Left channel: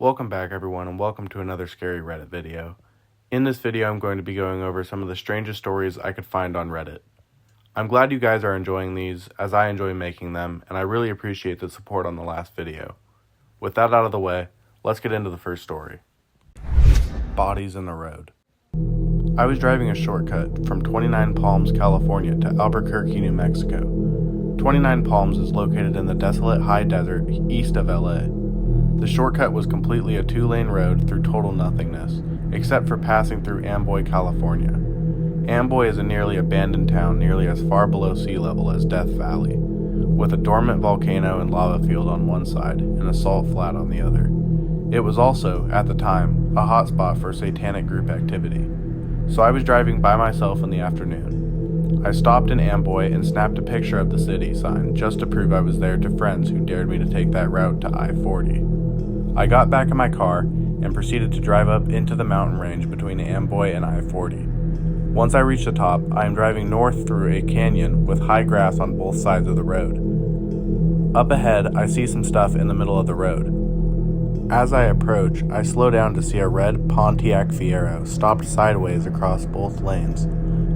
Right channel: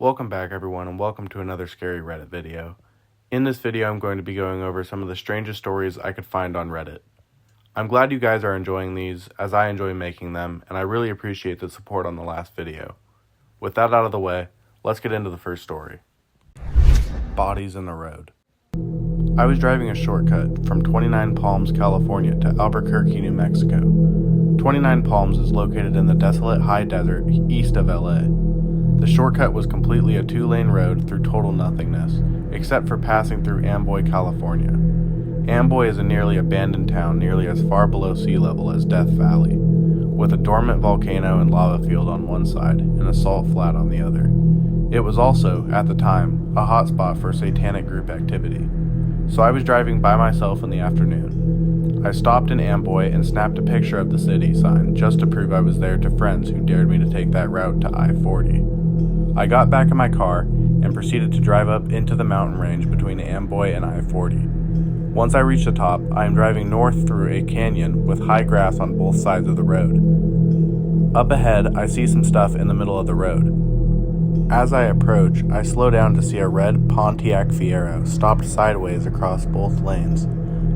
Welcome back everyone and welcome to another scary Reddit video. In this video I'm going to be going over some of the strangest stories I could find on Reddit. I'm glad you guys are enjoying these as I enjoy making them, and I really appreciate the support on the last video. With that out of the way, let's get into the first story. Bodies in the road. I was driving a shortcut from 29 Palms, California to Albuquerque, New Mexico. 29 Palms is located in the desolate high desert east of LA. The shortcut was completely a two-lane road through total nothingness, except for passing through Amboy, California. Amboy is a nearly abandoned town nearly as far below sea level as Death Valley, with a dormant volcano and lava field on one side and a salt flat on the other. It was also, at the time, a hotspot for satanic group activity. So I was driving by myself in the afternoon. I stopped in Amboy and snapped a picture of the city sign just to prove I was there to friends who dared me to take that route to I-40. I got back in my car and proceeded to drive up into the mountain range between Amboy and I-40. Once I reached the top, I am driving north through a canyon with high grass on both sides of the road. Up ahead, I see some stuff in the middle of the road. As I approach, I slow down to see a red Pontiac Fiero stopped sideways across both lanes,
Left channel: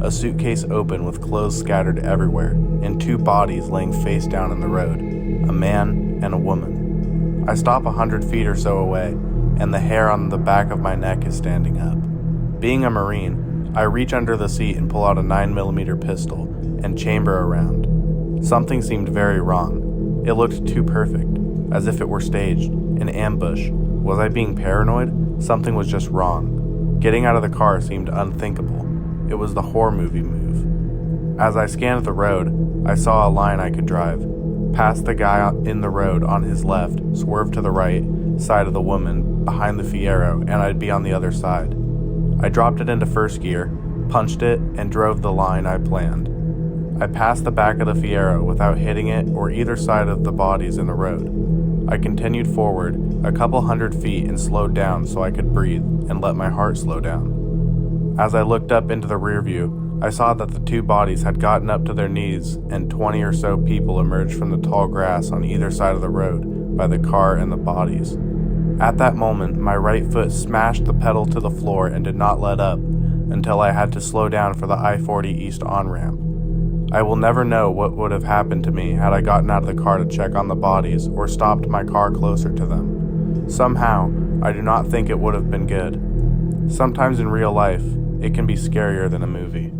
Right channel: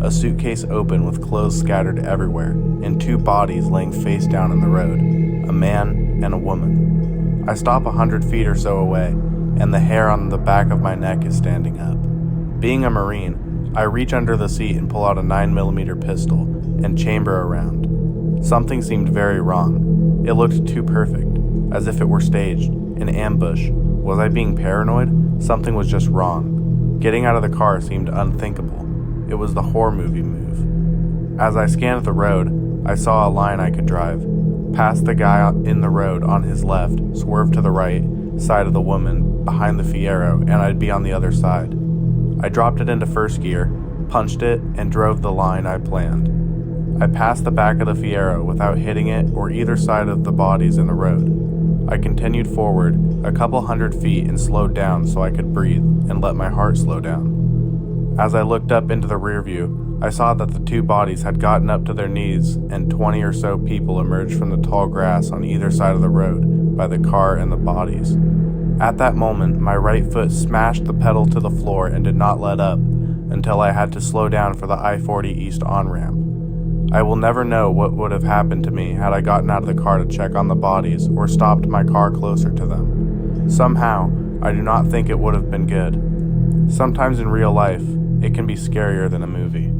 a suitcase open with clothes scattered everywhere, and two bodies laying face down in the road, a man and a woman. I stop 100 feet or so away, and the hair on the back of my neck is standing up. Being a Marine, I reach under the seat and pull out a 9mm pistol and chamber around. Something seemed very wrong. It looked too perfect, as if it were staged, an ambush. Was I being paranoid? Something was just wrong. Getting out of the car seemed unthinkable. It was the horror movie move. As I scanned the road, I saw a line I could drive. Past the guy in the road on his left, swerve to the right side of the woman behind the Fiero, and I'd be on the other side. I dropped it into first gear, punched it, and drove the line I planned. I passed the back of the Fiero without hitting it or either side of the bodies in the road. I continued forward a couple 100 feet and slowed down so I could breathe and let my heart slow down. As I looked up into the rear view, I saw that the two bodies had gotten up to their knees and 20 or so people emerged from the tall grass on either side of the road by the car and the bodies. At that moment, my right foot smashed the pedal to the floor and did not let up until I had to slow down for the I-40 East on-ramp. I will never know what would have happened to me had I gotten out of the car to check on the bodies or stopped my car closer to them. Somehow, I do not think it would have been good. Sometimes in real life, it can be scarier than a movie.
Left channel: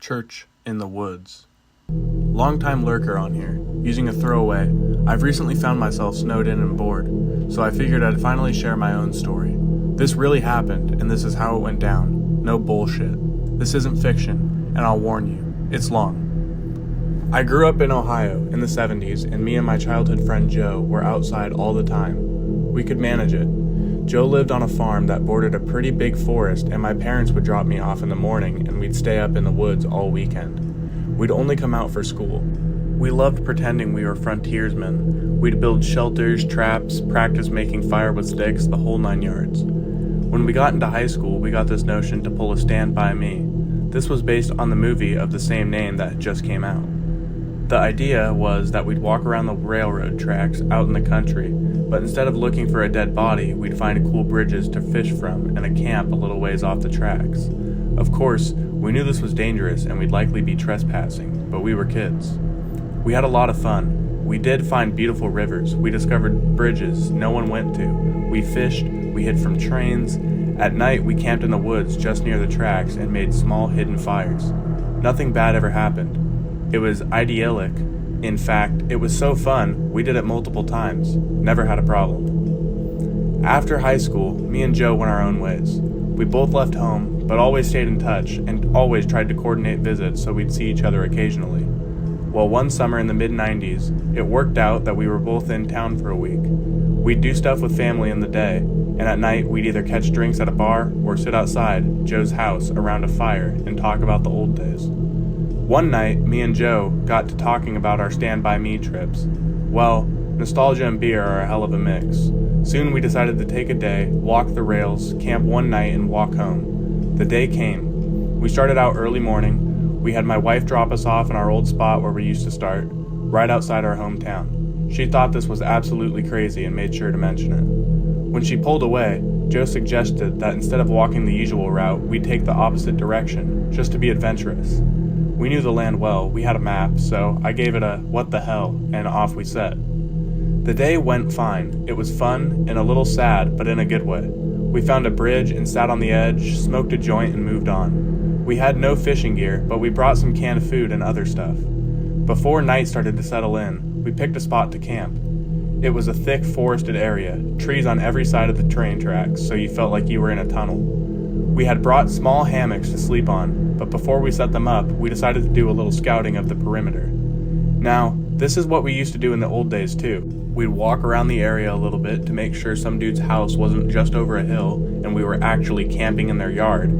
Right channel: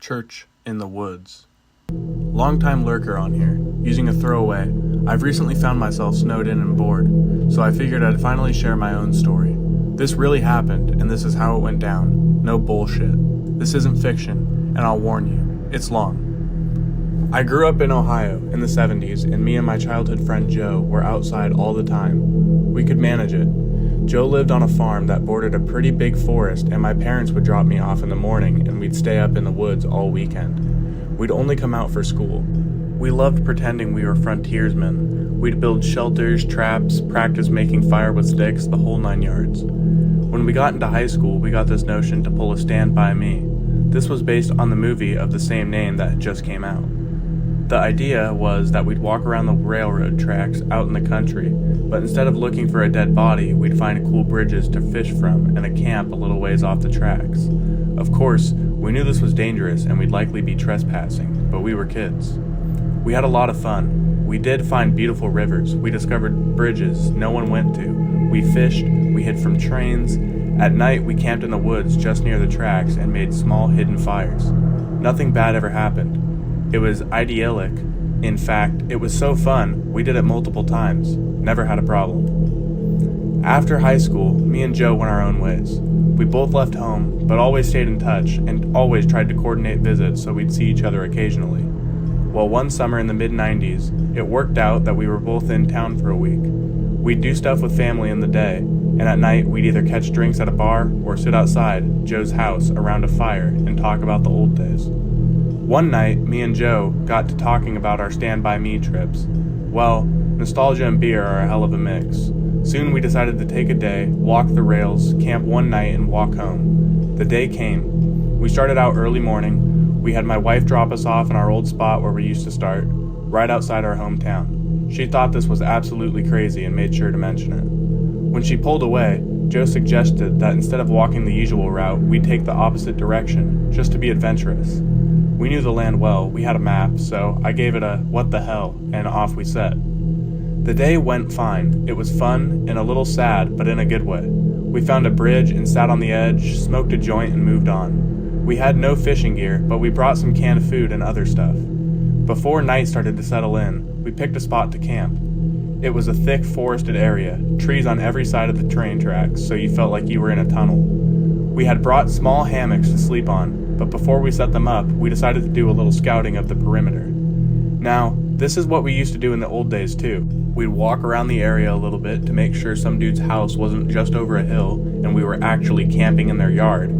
Church in the woods. Longtime lurker on here, using a throwaway. I've recently found myself snowed in and bored, so I figured I'd finally share my own story. This really happened, and this is how it went down. No bullshit. This isn't fiction, and I'll warn you, it's long. I grew up in Ohio in the 70s, and me and my childhood friend Joe were outside all the time. We could manage it. Joe lived on a farm that bordered a pretty big forest, and my parents would drop me off in the morning and we'd stay up in the woods all weekend. We'd only come out for school. We loved pretending we were frontiersmen. We'd build shelters, traps, practice making fire with sticks, the whole 9 yards. When we got into high school, we got this notion to pull a Stand By Me. This was based on the movie of the same name that just came out. The idea was that we'd walk around the railroad tracks out in the country, but instead of looking for a dead body, we'd find cool bridges to fish from and a camp a little ways off the tracks. Of course, we knew this was dangerous and we'd likely be trespassing, but we were kids. We had a lot of fun. We did find beautiful rivers. We discovered bridges no one went to. We fished, we hid from trains. At night, we camped in the woods just near the tracks and made small hidden fires. Nothing bad ever happened. It was idyllic. In fact, it was so fun, we did it multiple times. Never had a problem. After high school, me and Joe went our own ways. We both left home, but always stayed in touch and always tried to coordinate visits so we'd see each other occasionally. Well, one summer in the mid-90s, it worked out that we were both in town for a week. We'd do stuff with family in the day, and at night we'd either catch drinks at a bar or sit outside Joe's house around a fire and talk about the old days. One night, me and Joe got to talking about our Stand By Me trips. Well, nostalgia and beer are a hell of a mix. Soon we decided to take a day, walk the rails, camp one night, and walk home. The day came. We started out early morning. We had my wife drop us off in our old spot where we used to start, right outside our hometown. She thought this was absolutely crazy and made sure to mention it. When she pulled away, Joe suggested that instead of walking the usual route, we'd take the opposite direction, just to be adventurous. We knew the land well, we had a map, so I gave it a what the hell, and off we set. The day went fine. It was fun and a little sad, but in a good way. We found a bridge and sat on the edge, smoked a joint, and moved on. We had no fishing gear, but we brought some canned food and other stuff. Before night started to settle in, we picked a spot to camp. It was a thick forested area, trees on every side of the train tracks, so you felt like you were in a tunnel. We had brought small hammocks to sleep on, but before we set them up, we decided to do a little scouting of the perimeter. Now, this is what we used to do in the old days too. We'd walk around the area a little bit to make sure some dude's house wasn't just over a hill and we were actually camping in their yard.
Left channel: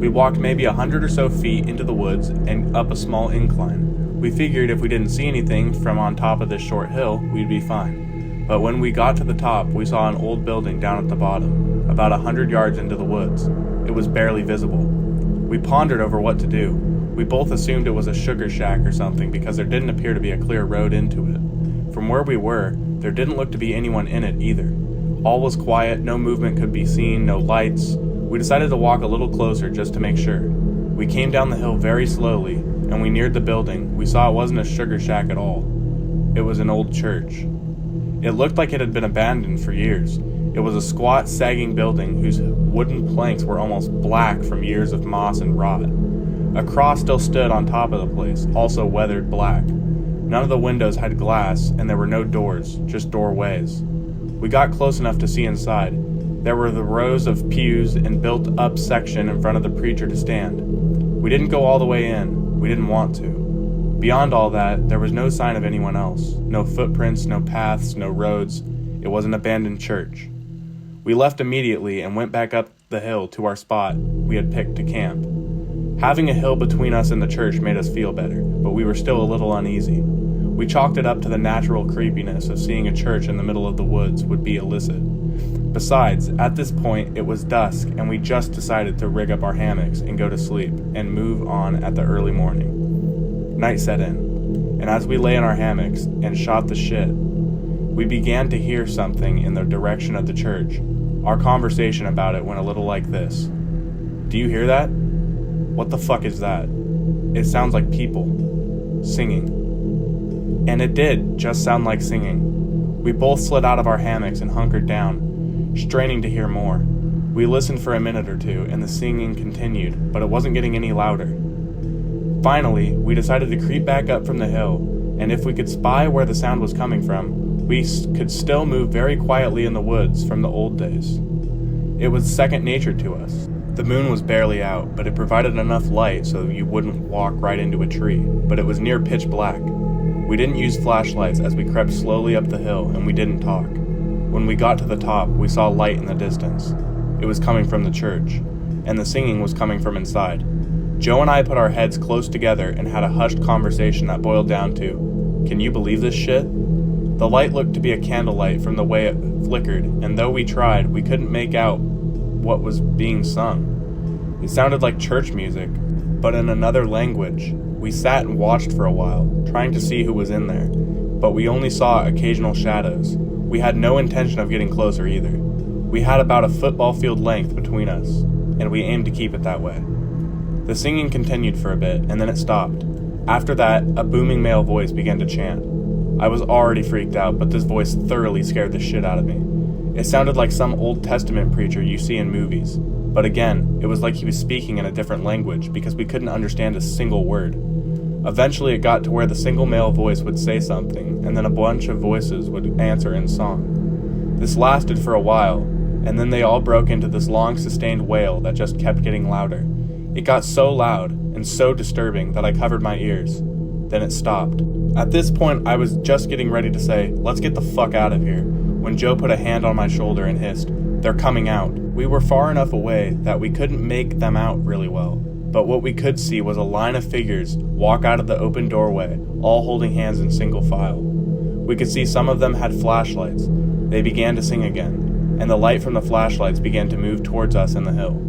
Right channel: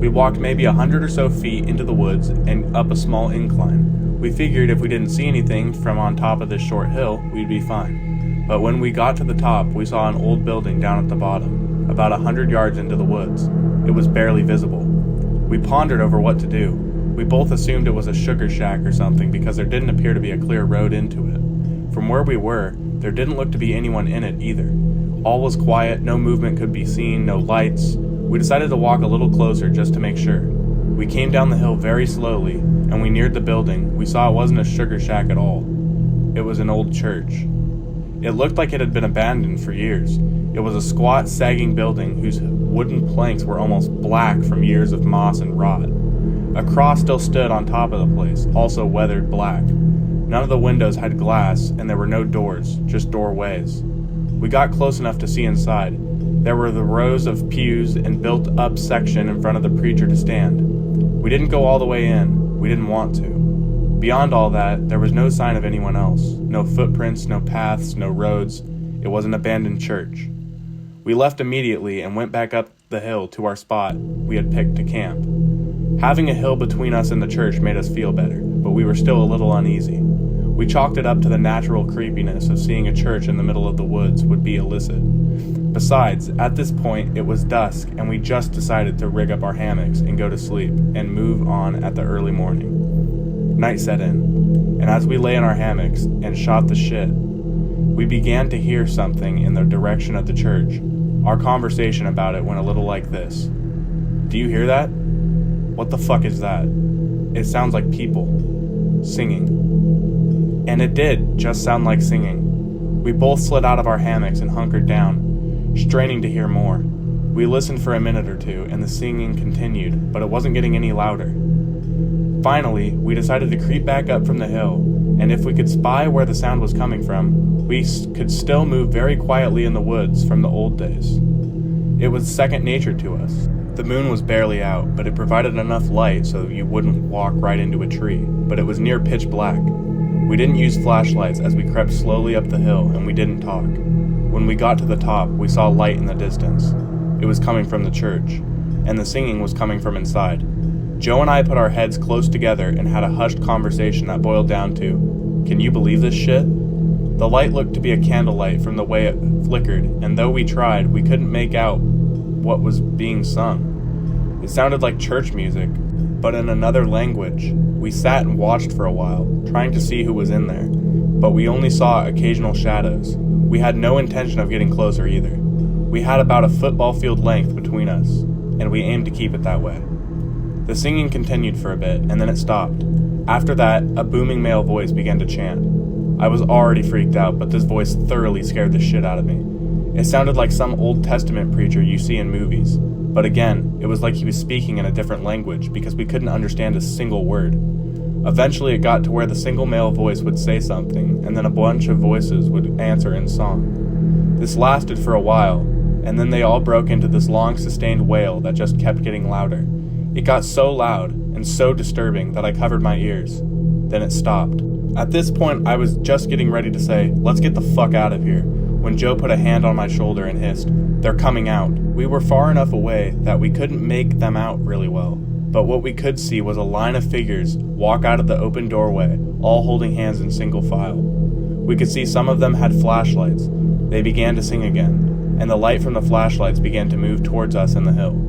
We walked maybe 100 or so feet into the woods and up a small incline. We figured if we didn't see anything from on top of this short hill, we'd be fine. But when we got to the top, we saw an old building down at the bottom, about 100 yards into the woods. It was barely visible. We pondered over what to do. We both assumed it was a sugar shack or something because there didn't appear to be a clear road into it. From where we were, there didn't look to be anyone in it either. All was quiet, no movement could be seen, no lights. We decided to walk a little closer just to make sure. We came down the hill very slowly, and we neared the building. We saw it wasn't a sugar shack at all. It was an old church. It looked like it had been abandoned for years. It was a squat, sagging building whose wooden planks were almost black from years of moss and rot. A cross still stood on top of the place, also weathered black. None of the windows had glass, and there were no doors, just doorways. We got close enough to see inside. There were the rows of pews and built-up section in front of the preacher to stand. We didn't go all the way in. We didn't want to. Beyond all that, there was no sign of anyone else. No footprints, no paths, no roads. It was an abandoned church. We left immediately and went back up the hill to our spot we had picked to camp. Having a hill between us and the church made us feel better, but we were still a little uneasy. We chalked it up to the natural creepiness of seeing a church in the middle of the woods would be illicit. Besides, at this point, it was dusk, and we just decided to rig up our hammocks and go to sleep and move on at the early morning. Night set in, and as we lay in our hammocks and shot the shit, we began to hear something in the direction of the church. Our conversation about it went a little like this. Do you hear that? What the fuck is that? It sounds like people singing. And it did just sound like singing. We both slid out of our hammocks and hunkered down, straining to hear more. We listened for a minute or two, and the singing continued, but it wasn't getting any louder. Finally, we decided to creep back up from the hill, and if we could spy where the sound was coming from, we could still move very quietly in the woods from the old days. It was second nature to us. The moon was barely out, but it provided enough light so you wouldn't walk right into a tree, but it was near pitch black. We didn't use flashlights as we crept slowly up the hill, and we didn't talk. When we got to the top, we saw light in the distance. It was coming from the church, and the singing was coming from inside. Joe and I put our heads close together and had a hushed conversation that boiled down to, "Can you believe this shit?" The light looked to be a candlelight from the way it flickered, and though we tried, we couldn't make out what was being sung. It sounded like church music, but in another language. We sat and watched for a while, trying to see who was in there, but we only saw occasional shadows. We had no intention of getting closer either. We had about a football field length between us, and we aimed to keep it that way. The singing continued for a bit, and then it stopped. After that, a booming male voice began to chant. I was already freaked out, but this voice thoroughly scared the shit out of me. It sounded like some Old Testament preacher you see in movies, but again, it was like he was speaking in a different language because we couldn't understand a single word. Eventually it got to where the single male voice would say something, and then a bunch of voices would answer in song. This lasted for a while, and then they all broke into this long sustained wail that just kept getting louder. It got so loud and so disturbing that I covered my ears. Then it stopped. At this point, I was just getting ready to say, "Let's get the fuck out of here," when Joe put a hand on my shoulder and hissed, "They're coming out." We were far enough away that we couldn't make them out really well, but what we could see was a line of figures walk out of the open doorway, all holding hands in single file. We could see some of them had flashlights. They began to sing again, and the light from the flashlights began to move towards us in the hill.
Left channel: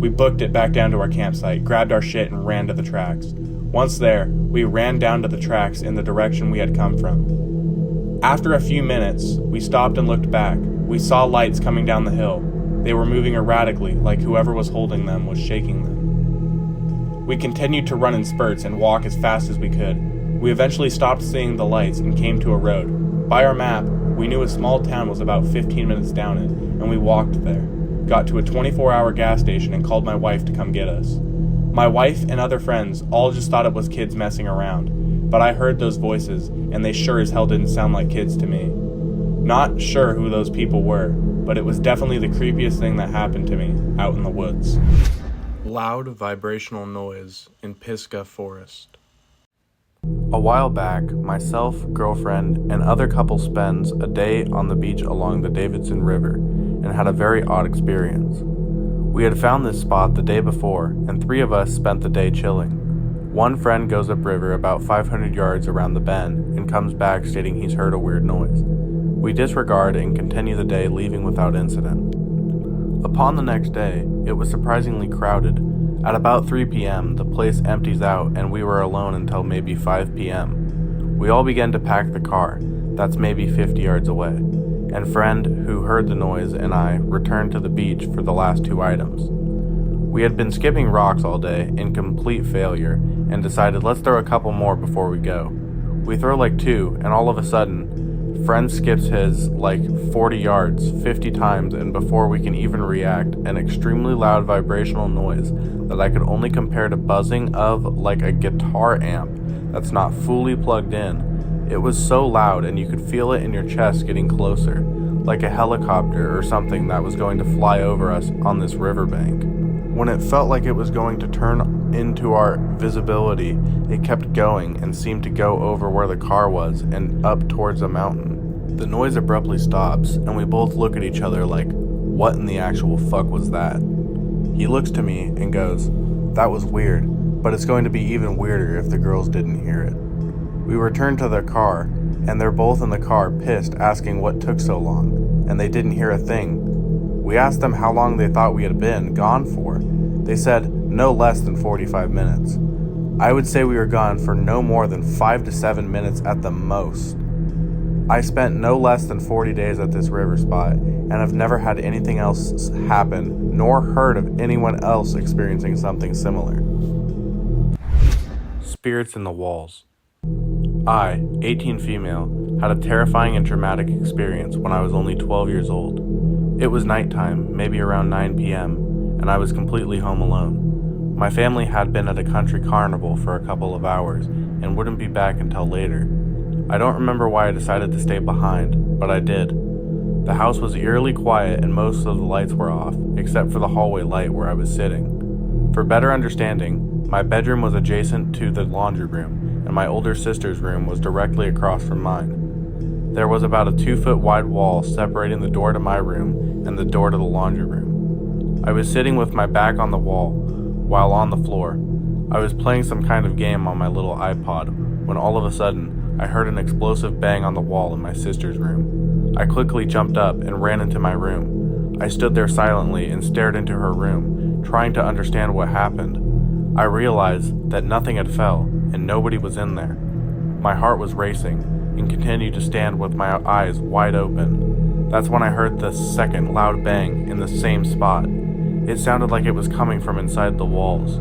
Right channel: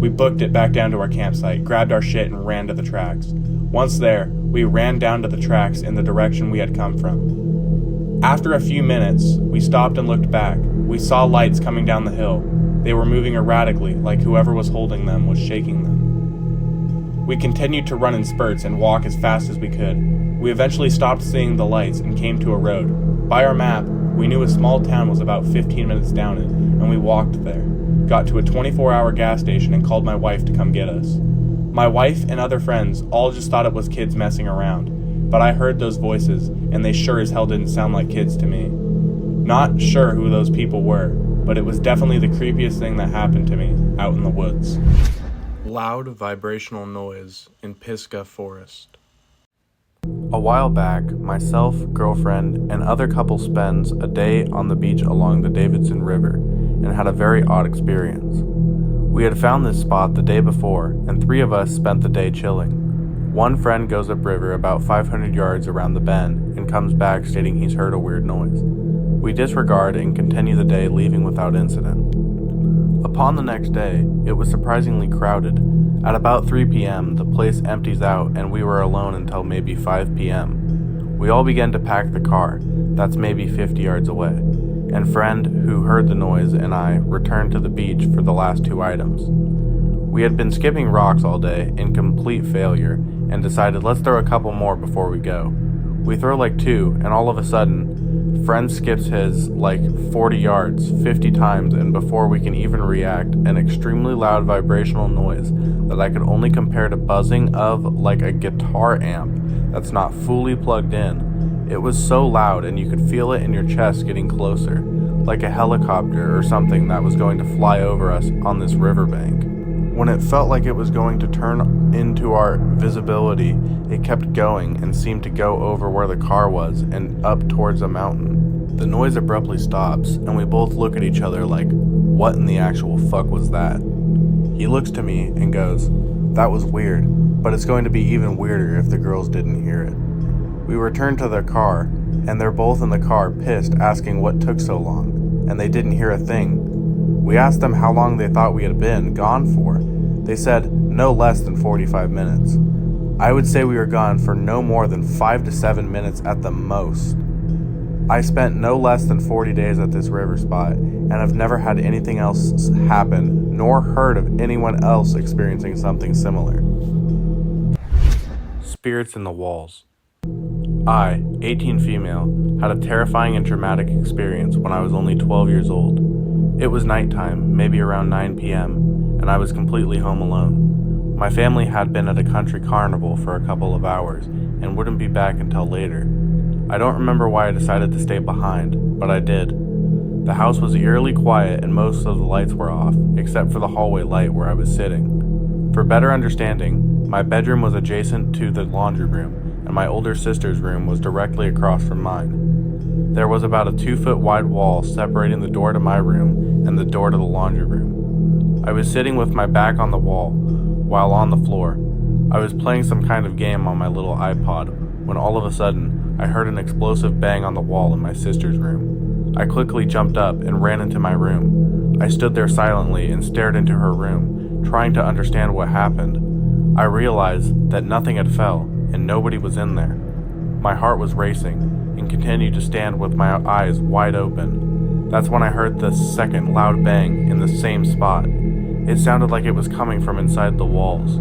We booked it back down to our campsite, grabbed our shit, and ran to the tracks. Once there, we ran down to the tracks in the direction we had come from. After a few minutes, we stopped and looked back. We saw lights coming down the hill. They were moving erratically, like whoever was holding them was shaking them. We continued to run in spurts and walk as fast as we could. We eventually stopped seeing the lights and came to a road. By our map, we knew a small town was about 15 minutes down it, and we walked there. Got to a 24-hour gas station and called my wife to come get us. My wife and other friends all just thought it was kids messing around, but I heard those voices, and they sure as hell didn't sound like kids to me. Not sure who those people were, but it was definitely the creepiest thing that happened to me out in the woods. Loud vibrational noise in Pisgah Forest. A while back, myself, girlfriend, and other couple spends a day on the beach along the Davidson River and had a very odd experience. We had found this spot the day before, and 3 of us spent the day chilling. One friend goes upriver about 500 yards around the bend and comes back stating he's heard a weird noise. We disregard and continue the day, leaving without incident. Upon the next day, it was surprisingly crowded. At about 3 p.m., the place empties out and we were alone until maybe 5 p.m. We all began to pack the car, that's maybe 50 yards away, and friend who heard the noise and I returned to the beach for the last 2 items. We had been skipping rocks all day in complete failure and decided let's throw a couple more before we go. We throw like 2 and all of a sudden, friend skips his like 40 yards 50 times, and before we can even react, an extremely loud vibrational noise that I could only compare to buzzing of like a guitar amp that's not fully plugged in. It was so loud and you could feel it in your chest getting closer, like a helicopter or something that was going to fly over us on this riverbank. When it felt like it was going to turn into our visibility, it kept going and seemed to go over where the car was and up towards a mountain. The noise abruptly stops, and we both look at each other like, what in the actual fuck was that? He looks to me and goes, that was weird, but it's going to be even weirder if the girls didn't hear it. We return to their car, and they're both in the car pissed, asking what took so long, and they didn't hear a thing. We asked them how long they thought we had been gone for. They said no less than 45 minutes. I would say we were gone for no more than 5 to 7 minutes at the most. I spent no less than 40 days at this river spot and have never had anything else happen, nor heard of anyone else experiencing something similar. Spirits in the walls. I, 18 female, had a terrifying and traumatic experience when I was only 12 years old. It was nighttime, maybe around 9 p.m., and I was completely home alone. My family had been at a country carnival for a couple of hours and wouldn't be back until later. I don't remember why I decided to stay behind, but I did. The house was eerily quiet and most of the lights were off, except for the hallway light where I was sitting. For better understanding, my bedroom was adjacent to the laundry room, and my older sister's room was directly across from mine. There was about a 2-foot wide wall separating the door to my room and the door to the laundry room. I was sitting with my back on the wall, while on the floor. I was playing some kind of game on my little iPod, when all of a sudden, I heard an explosive bang on the wall in my sister's room. I quickly jumped up and ran into my room. I stood there silently and stared into her room, trying to understand what happened. I realized that nothing had fell, and nobody was in there. My heart was racing, and continued to stand with my eyes wide open. That's when I heard the second loud bang in the same spot. It sounded like it was coming from inside the walls.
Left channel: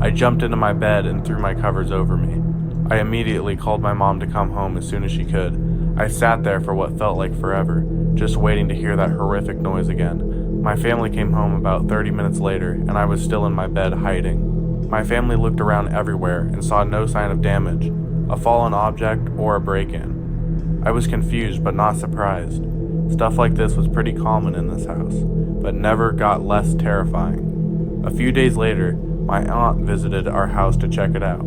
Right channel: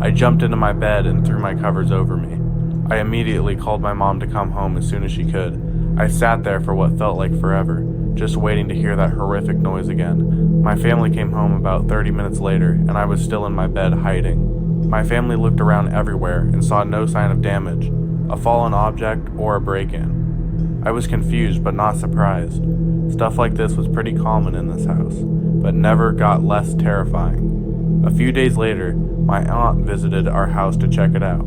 I jumped into my bed and threw my covers over me. I immediately called my mom to come home as soon as she could. I sat there for what felt like forever, just waiting to hear that horrific noise again. My family came home about 30 minutes later, and I was still in my bed hiding. My family looked around everywhere and saw no sign of damage, a fallen object, or a break-in. I was confused but not surprised. Stuff like this was pretty common in this house, but never got less terrifying. A few days later, my aunt visited our house to check it out.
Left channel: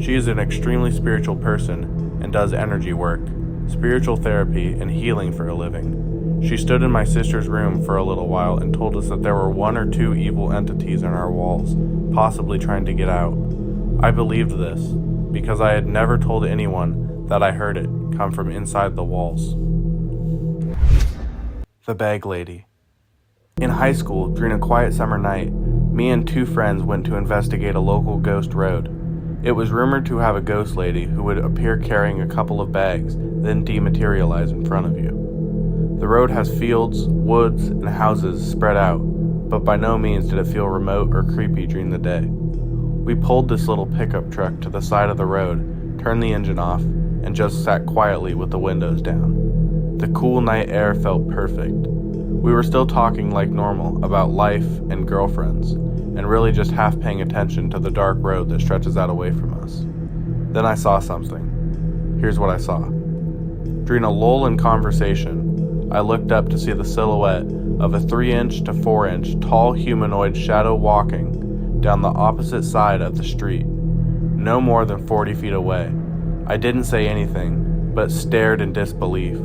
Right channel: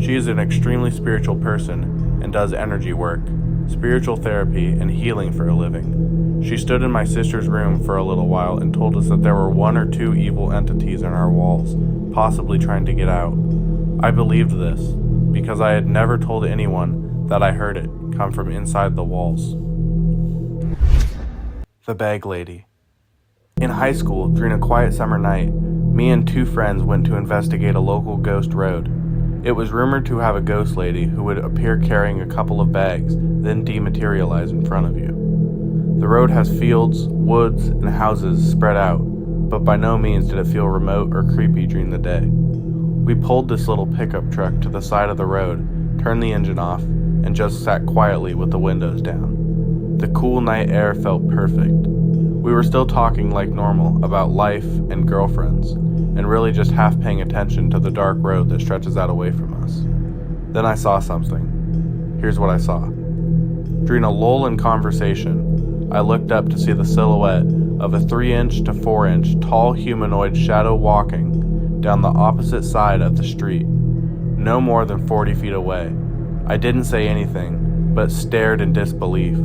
She is an extremely spiritual person and does energy work, spiritual therapy, and healing for a living. She stood in my sister's room for a little while and told us that there were 1 or 2 evil entities in our walls, possibly trying to get out. I believed this, because I had never told anyone that I heard it come from inside the walls. The Bag Lady. In high school, during a quiet summer night, me and 2 friends went to investigate a local ghost road. It was rumored to have a ghost lady who would appear carrying a couple of bags, then dematerialize in front of you. The road has fields, woods, and houses spread out, but by no means did it feel remote or creepy during the day. We pulled this little pickup truck to the side of the road, turned the engine off, and just sat quietly with the windows down. The cool night air felt perfect. We were still talking like normal about life and girlfriends, and really just half paying attention to the dark road that stretches out away from us. Then I saw something. Here's what I saw. During a lull in conversation, I looked up to see the silhouette of a 3-inch to 4-inch tall humanoid shadow walking down the opposite side of the street, no more than 40 feet away. I didn't say anything, but stared in disbelief.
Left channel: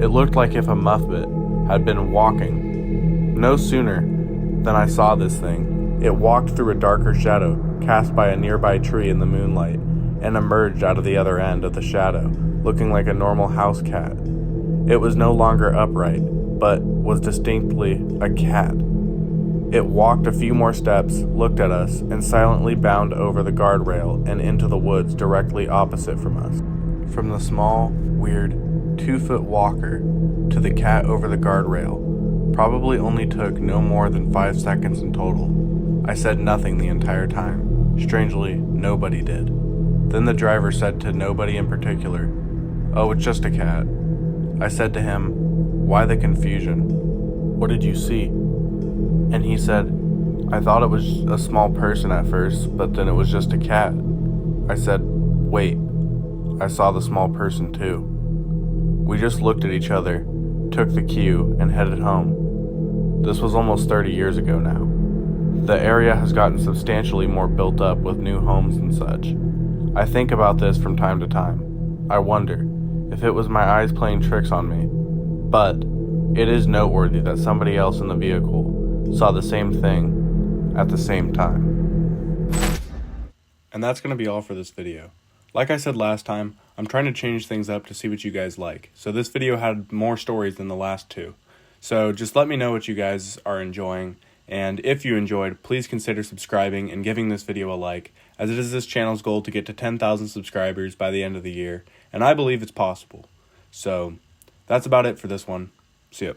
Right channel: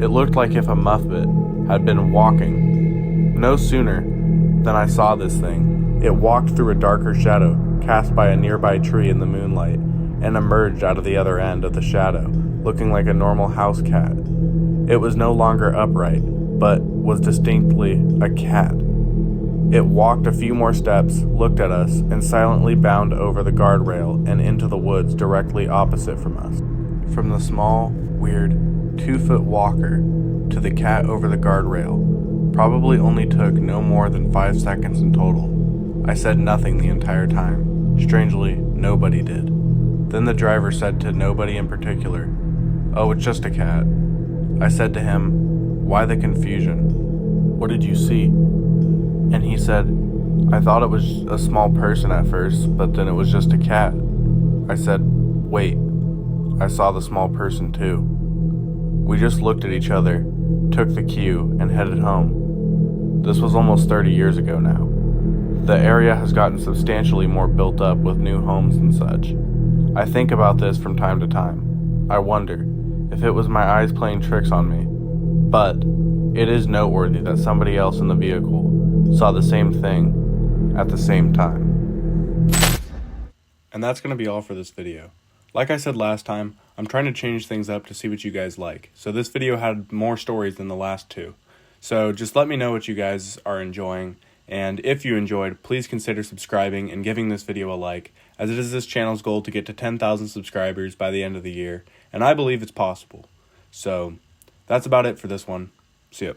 It looked like if a Muppet had been walking. No sooner than I saw this thing, it walked through a darker shadow cast by a nearby tree in the moonlight and emerged out of the other end of the shadow, looking like a normal house cat. It was no longer upright, but was distinctly a cat. It walked a few more steps, looked at us, and silently bounded over the guardrail and into the woods directly opposite from us. From the small, weird, 2-foot walker to the cat over the guardrail probably only took no more than 5 seconds in total. I said nothing the entire time. Strangely, nobody did. Then the driver said to nobody in particular, "Oh, it's just a cat." I said to him, "Why the confusion? What did you see?" And he said, "I thought it was a small person at first, but then it was just a cat." I said, "Wait, I saw the small person too." We just looked at each other, took the cue, and headed home. This was almost 30 years ago now. The area has gotten substantially more built up with new homes and such. I think about this from time to time. I wonder if it was my eyes playing tricks on me. But it is noteworthy that somebody else in the vehicle saw the same thing at the same time. And that's going to be all for this video. Like I said last time, I'm trying to change things up to see what you guys like. So this video had more stories than the last two. So just let me know what you guys are enjoying. And if you enjoyed, please consider subscribing and giving this video a like, as it is this channel's goal to get to 10,000 subscribers by the end of the year. And I believe it's possible. So that's about it for this one. See ya.